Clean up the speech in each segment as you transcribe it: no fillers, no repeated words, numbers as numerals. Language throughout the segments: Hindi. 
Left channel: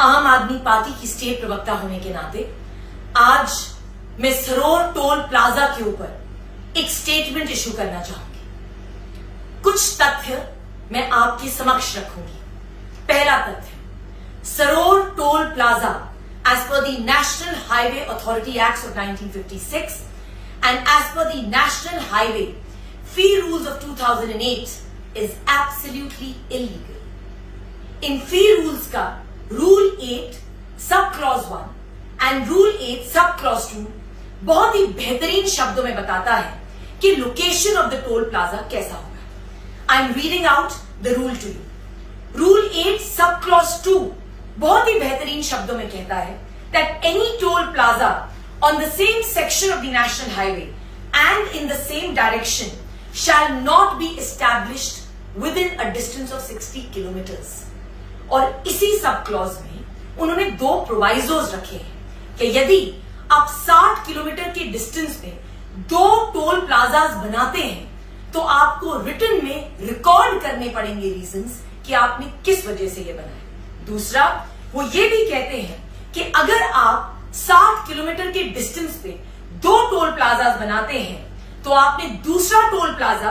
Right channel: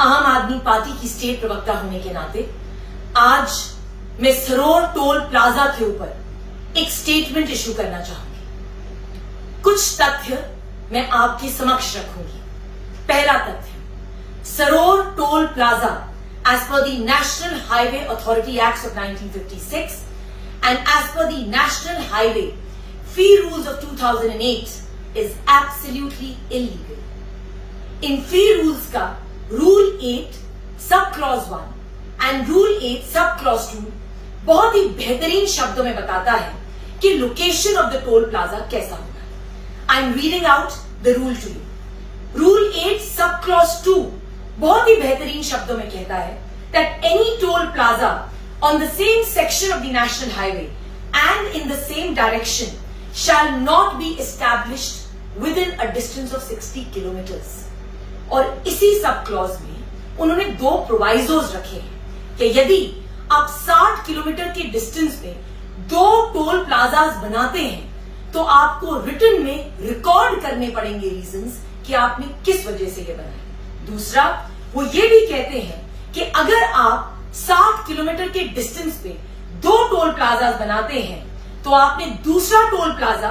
आम आदमी पार्टी की स्टेट प्रवक्ता होने के नाते आज मैं सरोर टोल प्लाजा के ऊपर एक स्टेटमेंट इशू करना चाहूंगी। कुछ तथ्य मैं आपके समक्ष रखूंगी। पहला तथ्य, Saror toll plaza as per the National Highway Authority Acts of 1956 and as per the National Highway Fee Rules of 2008 is absolutely illegal. In Fee Rules का Rule 8 Sub Clause 1 and Rule 8 Sub Clause 2 बहुत ही बेहतरीन शब्दों में बताता है कि location of the toll plaza कैसा होगा। I am reading out the rule to you. Rule 8 Sub Clause 2 बहुत ही बेहतरीन शब्दों में कहता है that any toll plaza on the same section of the national highway and in the same direction shall not be established within a distance of 60 kilometers। और इसी सब क्लॉज में उन्होंने दो प्रोवाइजोज रखे हैं कि यदि आप 60 किलोमीटर के डिस्टेंस में दो टोल प्लाजाज बनाते हैं तो आपको रिटन में रिकॉर्ड करने पड़ेंगे रीजंस कि आपने किस वजह से ये बनाए। दूसरा, वो ये भी कहते हैं कि अगर आप 60 किलोमीटर के डिस्टेंस पे दो टोल प्लाजाज बनाते हैं तो आपने दूसरा टोल प्लाजा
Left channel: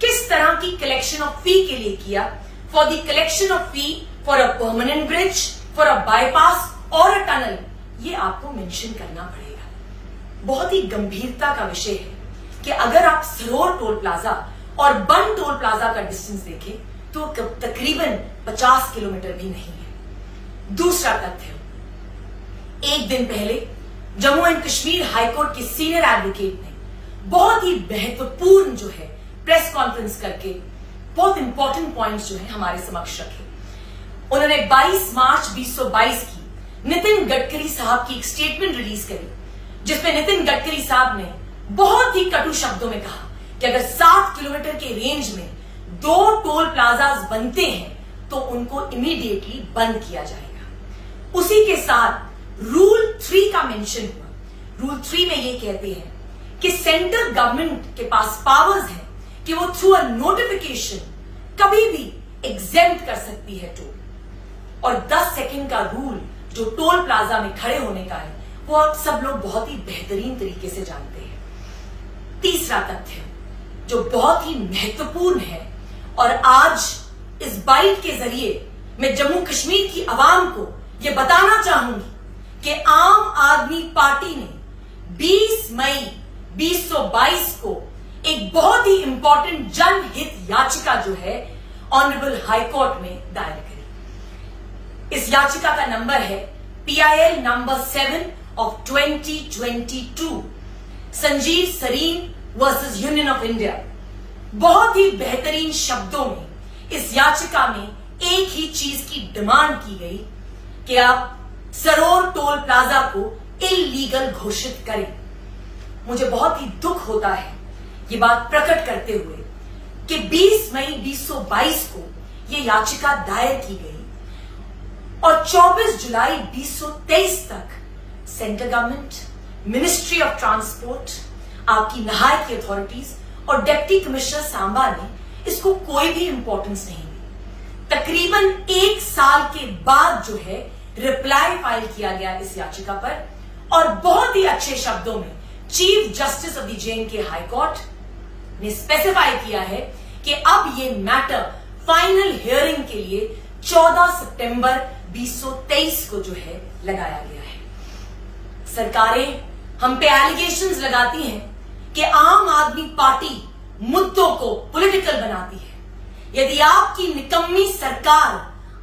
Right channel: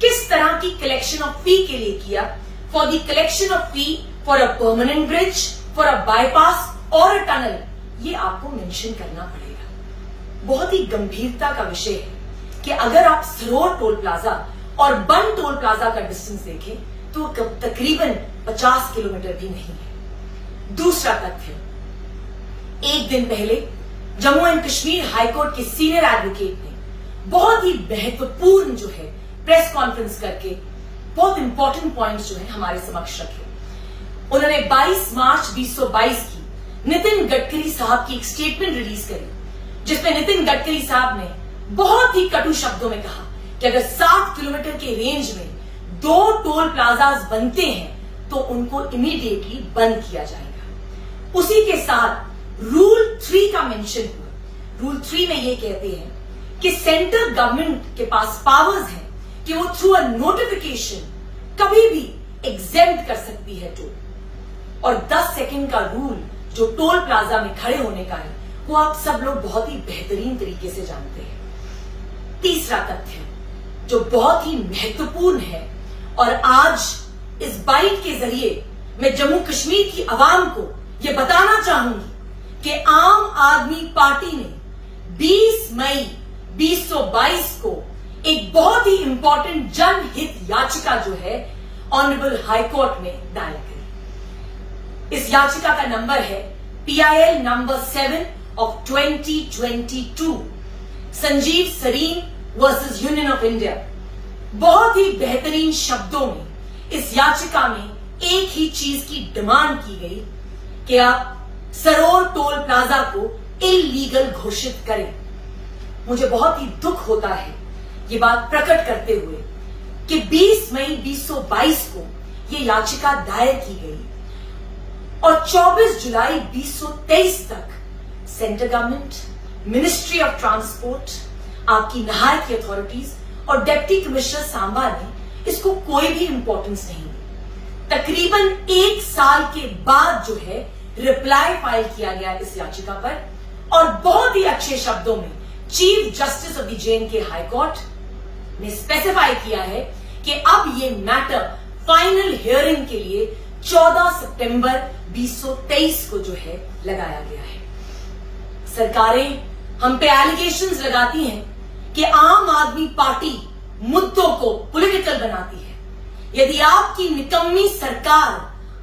किस तरह की कलेक्शन ऑफ फी के लिए किया, for the collection of fee for a permanent bridge, for a bypass और अ टनल, ये आपको मेंशन करना पड़ेगा। बहुत ही गंभीरता का विषय है कि अगर आप सरोर टोल प्लाजा और बन टोल प्लाजा का डिस्टेंस देखें तो तकरीबन 50 किलोमीटर भी नहीं है। दूसरा तथ्य, एक दिन पहले जम्मू एंड कश्मीर हाईकोर्ट के सीनियर एडवोकेट ने बहुत ही महत्वपूर्ण जो है प्रेस कॉन्फ्रेंस करके बहुत इंपॉर्टेंट पॉइंट्स जो है हमारे समक्ष रखे। उन्होंने 22 मार्च 2022 की नितिन गडकरी साहब की एक स्टेटमेंट रिलीज करी जिसमें नितिन गडकरी साहब ने बहुत ही कटु शब्दों में कहा कि अगर 60 किलोमीटर के रेंज में दो टोल प्लाजाज बनते हैं तो उनको इमीडिएटली बंद किया जाएगा। उसी के साथ रूल 3 का मेंशन हुआ। रूल 3 में ये कहते हैं कि सेंट्रल गवर्नमेंट के पास पावर्स हैं कि वो थ्रू अ नोटिफिकेशन कभी भी एग्जेम्प्ट कर सकती है टोल। और 10 सेकंड का रूल जो टोल प्लाजा में खड़े होने का है वो आप सब लोग बहुत ही बेहतरीन तरीके से जानते हैं। तीसरा तथ्य जो बहुत ही महत्वपूर्ण है और आज इस बाइट के जरिए मैं जम्मू कश्मीर की आवाम को ये बताना चाहूंगी कि आम आदमी पार्टी ने 20 मई 2022 को एक बहुत ही इंपॉर्टेंट जनहित याचिका जो है ऑनरेबल हाईकोर्ट में दायर करी। इस याचिका का नंबर है PIL number 7 of 2022, Sanjeev Sarin versus union of India. बहुत ही बेहतरीन शब्दों में इस याचिका में एक ही चीज की डिमांड की गई कि आप सरोर टोल प्लाजा को इल्लीगल घोषित करें। मुझे बहुत ही दुख होता है ये बात प्रकट करते हुए कि 20 मई 2022 को ये याचिका दायर की गई और 24 जुलाई 2023 तक central government, ministry of transport, आपकी नहाय की अथॉरिटीज और डिप्टी कमिश्नर सांबा ने इसको कोई भी इंपॉर्टेंस नहीं दी। तकरीबन 1 साल के बाद जो है रिप्लाई फाइल किया गया इस याचिका पर और बहुत ही अच्छे शब्दों में chief justice of the J&K high court ने स्पेसिफाई किया है कि अब ये मैटर फाइनल हियरिंग के लिए 14 सितंबर 2023 को जो है लगाया गया है। सरकारें हम पे एलिगेशंस लगाती हैं कि आम आदमी पार्टी मुद्दों को पॉलिटिकल बनाती है। यदि आपकी निकम्मी सरकार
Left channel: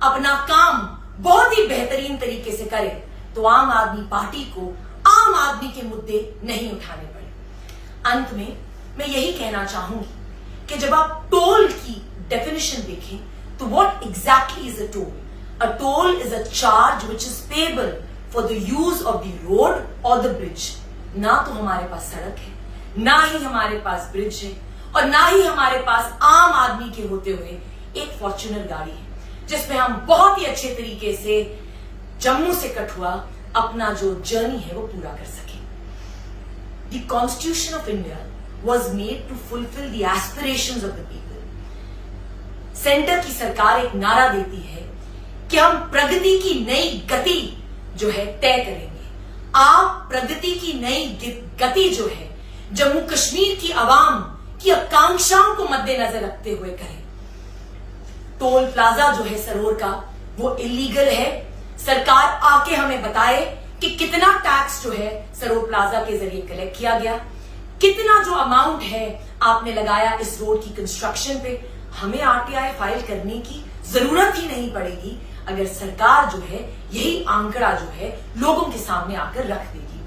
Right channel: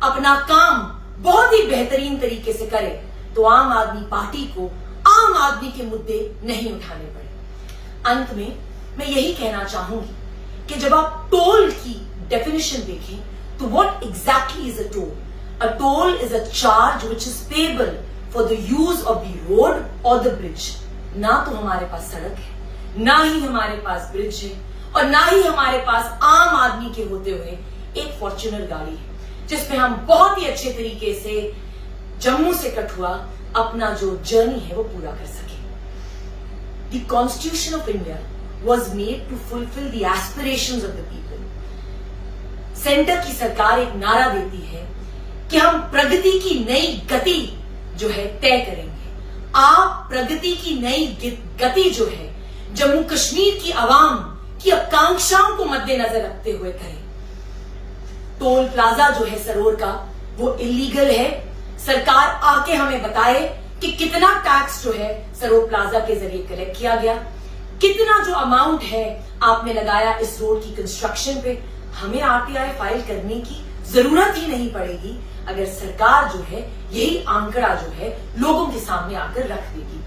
अपना काम बहुत ही बेहतरीन तरीके से करे तो आम आदमी पार्टी को आम आदमी के मुद्दे नहीं उठाने पड़े। अंत में मैं यही कहना चाहूंगी कि जब आप टोल की डेफिनेशन देखें तो what exactly is a toll? A toll is a charge which is payable for the use of the road और द ब्रिज। ना तो हमारे पास सड़क है, ना ही हमारे पास ब्रिज है और ना ही हमारे पास आम आदमी के होते हुए एक फॉर्च्यूनर गाड़ी है जिसमें हम बहुत ही अच्छे तरीके से जम्मू से कठुआ अपना जो जर्नी है वो पूरा कर सके। The constitution of India was made to fulfil the aspirations of the people. Centre की सरकार एक नारा देती है कि हम प्रगति की नई गति जो है तय करेंगे। आप प्रगति की नई गति जो है जम्मू कश्मीर की आवाम की आकांक्षाओं को मद्देनजर रखते हुए करें। टोल प्लाजा जो है सरोर का वो इलीगल है। सरकार आके हमें बताए कि कितना टैक्स जो है सरोर प्लाजा के जरिए कलेक्ट किया गया, कितना जो अमाउंट है आपने लगाया इस रोड की कंस्ट्रक्शन पे। हमें आरटीआई फाइल करने की जरूरत ही नहीं पड़ेगी अगर सरकार जो है यही आंकड़ा जो है लोगों के सामने आकर रख देगी।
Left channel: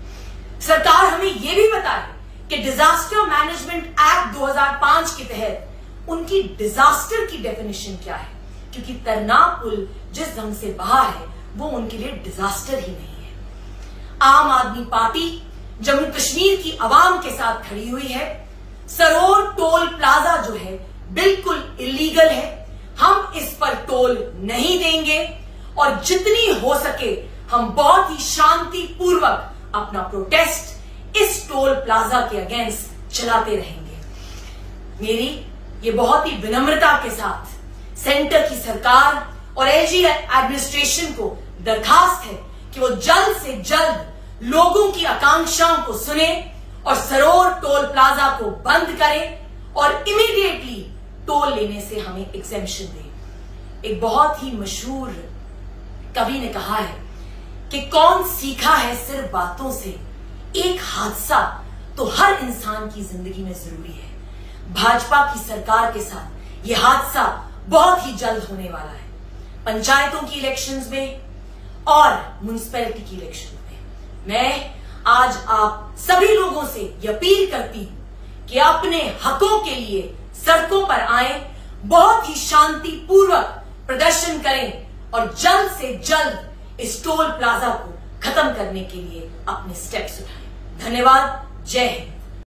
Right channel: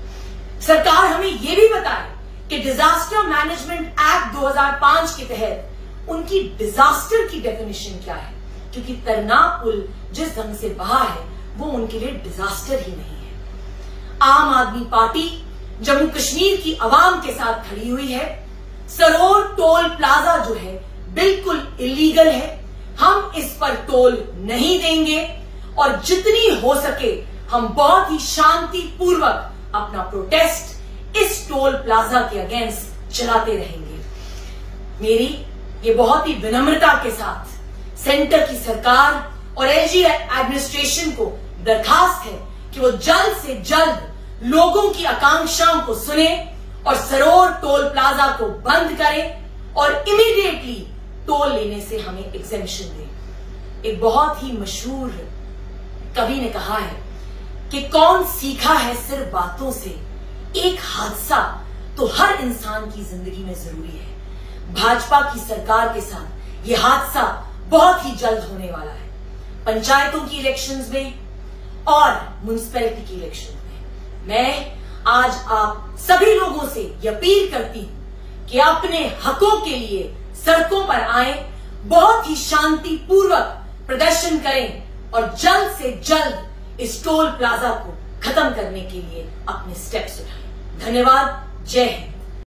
सरकार हमें यह भी बताए कि डिजास्टर मैनेजमेंट एक्ट 2005 के तहत उनकी डिजास्टर की डेफिनेशन क्या है, क्योंकि तरना पुल जिस ढंग से बहा है वो उनके लिए डिजास्टर ही नहीं है। आम आदमी पार्टी जम्मू कश्मीर की आवाम के साथ खड़ी हुई है। सरोर टोल प्लाजा जो है बिल्कुल इलीगल है। हम इस पर टोल नहीं देंगे और जितनी हो सके हम बहुत ही शांतिपूर्वक अपना प्रोटेस्ट इस टोल प्लाजा के अगेंस्ट चलाते रहेंगे। मेरी ये बहुत ही विनम्रता के साथ सेंटर की सरकार और एलजी एडमिनिस्ट्रेशन को दरखास्त है कि वो जल्द से जल्द लोगों की आकांक्षाओं को सुने और सरोर टोल प्लाजा को बंद करें और इमीडिएटली टोल लेने से हमें एग्जेम्पशन दे। एक बहुत ही मशहूर कवि ने कहा है कि कौन सीखा है सिर्फ बातों से, एक हादसा तो हर इंसान की जिंदगी में जरूरी है। भाजपा की सरकार के साथ यह हादसा बहुत ही जल्द होने वाला है। पंचायतों की इलेक्शंस में और म्युनिसिपैलिटी की इलेक्शन में मैं आज आप सभी लोगों से यह अपील करती हूं कि अपने हकों के लिए सड़कों पर आए, बहुत ही शांतिपूर्वक प्रदर्शन करें और जल्द से जल्द इस टोल प्लाजा को खत्म करने के लिए अपने स्टेप्स उठाएं। धन्यवाद। जय हिंद।